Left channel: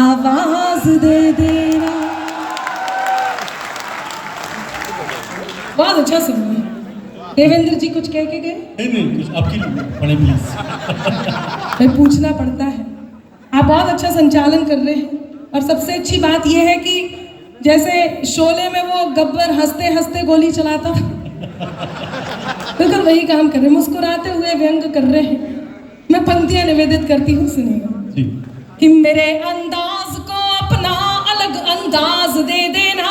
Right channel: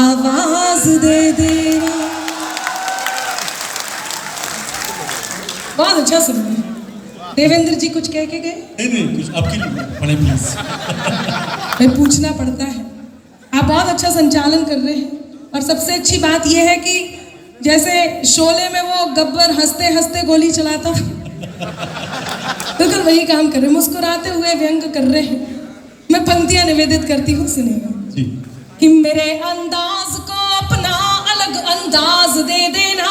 आवाज दे देना। बहुत अच्छा सुन रहे हैं। देवेंद्र जी कुछ कह के गए? नहीं कुछ आपके लिए पढ़े प्लीज। भाई पूछना पड़ता है। आप बहुत अच्छा संचालन कर रहे हैं और सबसे अच्छी बात यह है कि जैसे शोले में वो गब्बर हंसते हंसते गोली चलाता बिल्कुल वही काम कर रहे हैं, मुस्कुराते हुए व्यंग कर रहे हैं। मैं पंक्तियां निवेदित करती हूँ, सुनिएगा। कि मेरे अंदाज को अपना अलग अंदाज दे देना,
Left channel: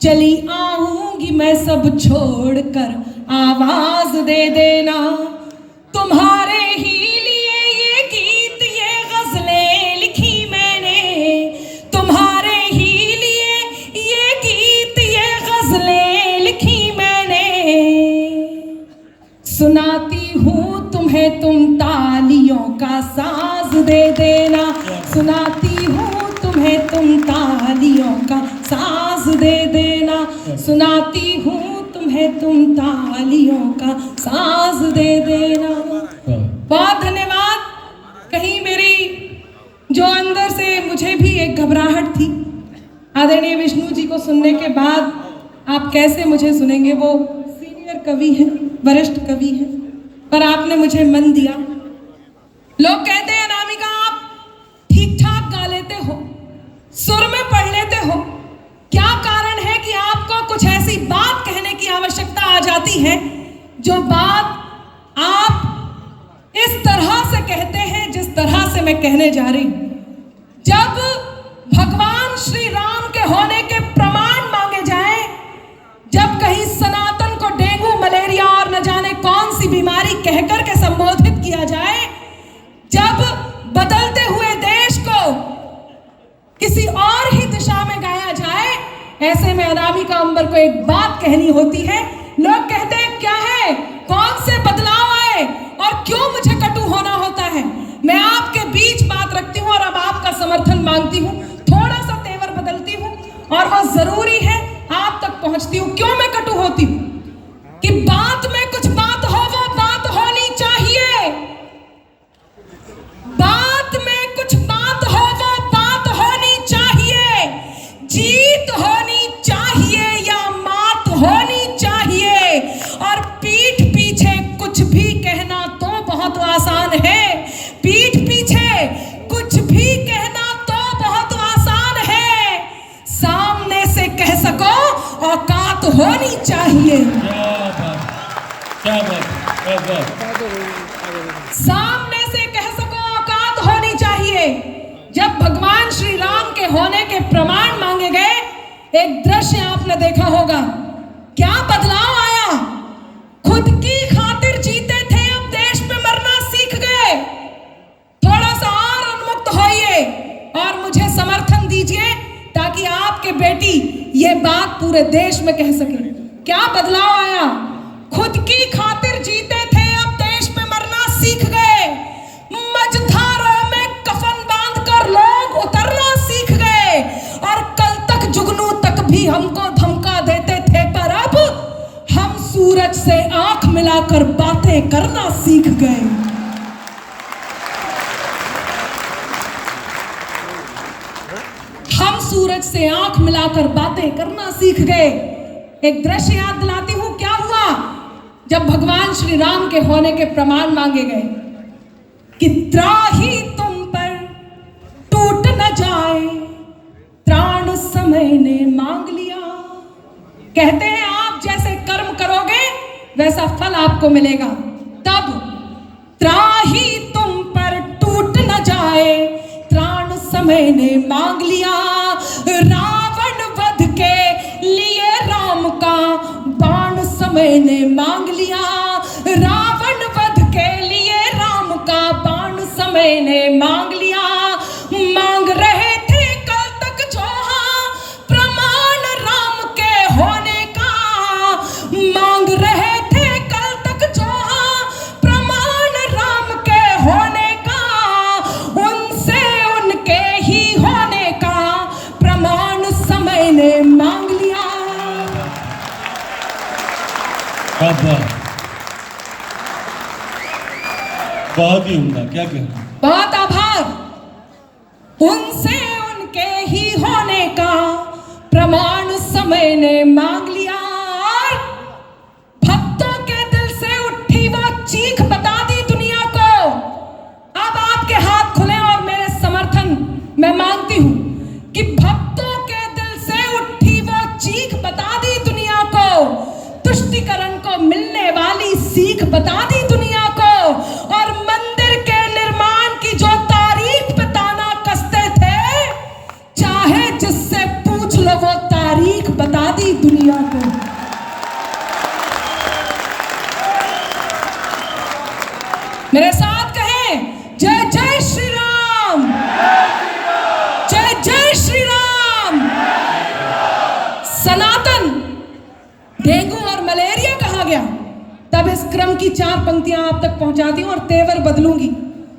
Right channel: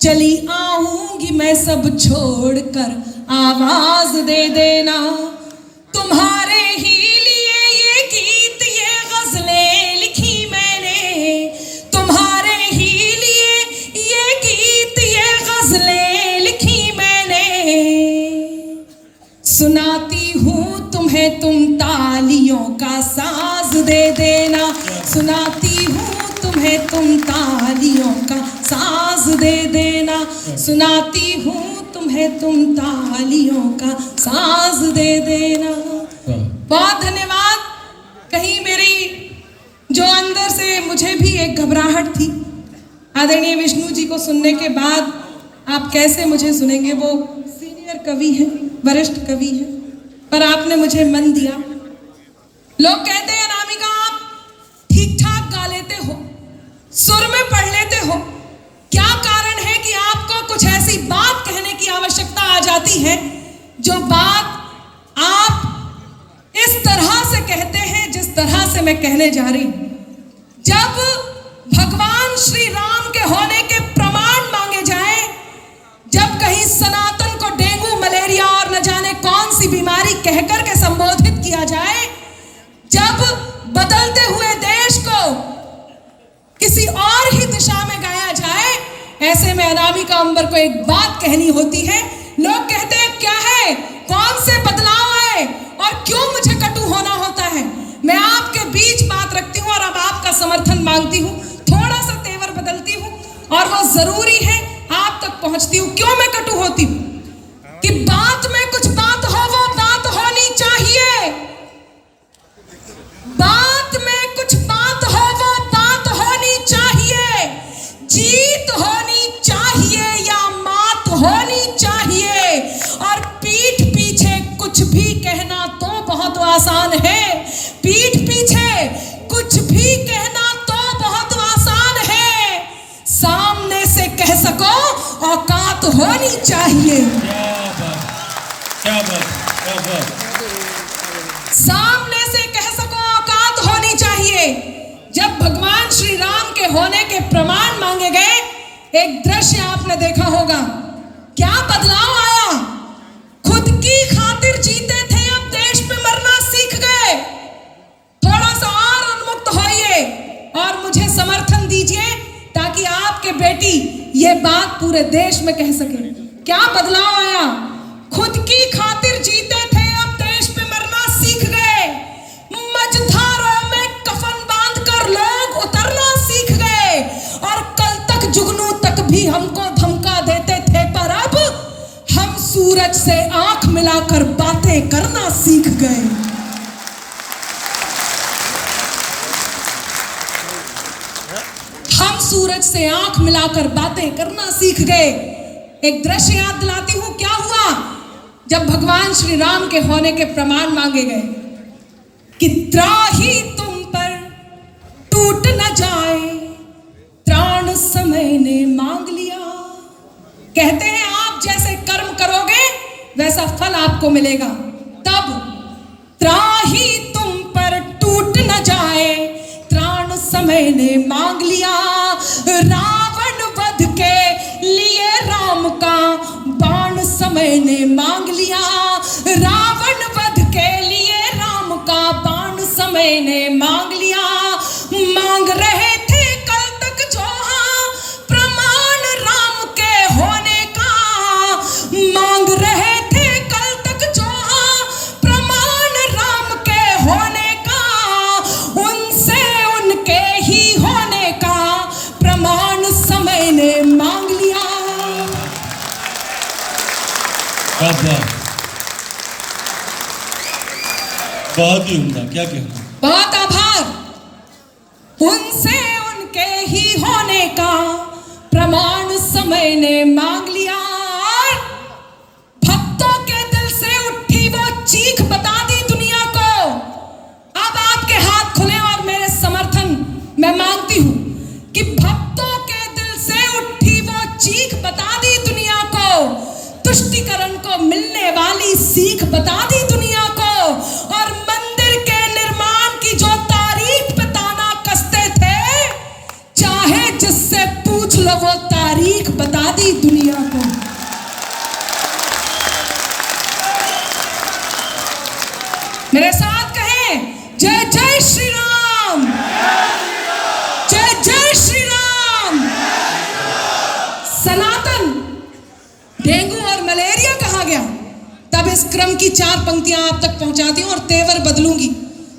चली आऊंगी मैं सब छोड़कर आवाज दे देना। तुम्हारे ही लिए ये गीत ये गजलें लिखी मैंने, तुम्हारे ही लिए ये गीत ये गजलें लिखी मैंने। सुनाती हूँ तुम्हें तुम तालियों का साज दे देना, सुनाती हूँ तुम्हें तुम तालियों का साज दे देना, सुनाती हूँ तुम्हें तुम तालियों का साज दे देना। बहुत धन्यवाद। कहीं मेरी जो अंदर से मुझे भी एक घबराहट थी, आदरणीय विष्णु जी को सुनने के बाद आप कैसे मुझे सुनेंगे, वो सीनियर कवि हैं, वरिष्ठ कवि हैं, पर आपने मुझे मन दिया। लोग कहते हैं अनामिका आप ठीक ठाक गा लेते हो, सुर में पढ़ लेते हो, क्या कारण है कि आपको कुछ ऐसी बात कहने की आवश्यकता आ जाती है जो बात आप इस तरह से कहते हैं जिस तरह से मैं कहने जा रही हूं। जब भगवान श्री राम के होने के प्रमाण मांगे जाए, जब कहीं सनातन को डेंगू मलेरिया और न जाने कौन सी बीमारी कहकर के संबोधित किया जाए, जब बदलते हुए देश को किसी और ही दिशा में गाया जाए, ऐसे में अनामिका अंबर को एक बात कहनी होती है। लोग कहते हैं क्या है, कौन से बदलाव है और क्यों मुझे कटु होना होता है। मैं आपके बीच बात रखती हूँ और अब आपका समर्थन मांगती हूँ, थोड़ा सा तेवर बदलती हूँ और वो जरूरी है आप तक पहुंचती हूँ। क्यों मैं कटु होती हूँ कि बात में कुछ बात हो, वो बात होनी चाहिए। बात में कुछ बात हो, वो बात होनी चाहिए। जीत होनी चाहिए या मात होनी चाहिए। और पीठ पीछे कुछ भी कहना तो बहुत आसान है, पीठ पीछे कुछ भी कहना तो बहुत आसान है, सामने से कह सको औकात होनी चाहिए। क्या बात। सामने से कह सको औकात होनी चाहिए। जब भगवान श्री राम के होने के प्रमाण मांगे गए, एक दृश्य आपने देखा होगा, क्या बदलाव आया। खुद की खातिर जीते थे, अब देश पे मरना सीख गए। थोड़ा सा और उन्मुक्त होइए और मुझे समर्थन दीजिए ताकि आपके बेटी ये बात पूरे देश में कह सके। क्या बदलाव आया। खुद की खातिर जीते थे, अब देश में मरना सीख गए। मझधारों में कफन बांधकर लोग उतरना सीख गए और कल तक जुगनू तक भी हमको धमका देते थे, पर अब हम सूरज से आंख मिलाकर बातें करना सीख गए। हम सूरज से आंख मिलाकर बातें करना सीख गए। एक दृश्य याद दिलाती हूं, क्या हुआ जब भगवान श्री राम के होने के प्रमाण मांगे गए कि त्राही तुम पर टूट न जाए, त्राण समय ने मांग लिया। कहते हैं आप जैसे कर्म करोगे वैसा फल आपको मिलेगा। तब त्राही तुम पर टूट न जाए, त्राण समय ने मांग लिया। रावण वध के लिए राम का बाण समय ने मांग लिया। रावण वध के लिए राम का बाण समय ने मांग लिया। मांग रहे थे कल तक जो प्रमाण राम के होने का, मांग रहे थे कल तक जो प्रमाण राम के होने का, उनसे उनके ही होने का प्रमाण समय ने मांग लिया। बहुत ही उम्दा, क्या कहना। बहुत आभार। उनसे उनके ही होने का प्रमाण समय ने मांग लिया और भक्तों के दिल से उठी वो चीख बता दी दुनिया को। अब आपके हाथ खुले और मेरे समर्थन मैं मांगती हूं कि भक्तों के दिल से उठी वो चीख बता दी दुनिया को, तुष्टिकरण को मिलने वाली सीख बता दी दुनिया को, और मंदिर के निर्माण की जो तारीख पे ताना कसते थे, चाहे जिससे पूछ लो वो तारीख बता दी दुनिया को। मेरे साथ कहें जय जय श्री राम, जय जय श्री राम। सनातन डेंगू और मलेरिया कहा गया, तब इस क्रम की 4 पंक्तियां आप तक पहुंचाती हूं और तेवर बदलूंगी।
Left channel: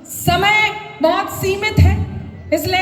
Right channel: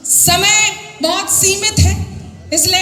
समय बहुत सीमित है, इसलिए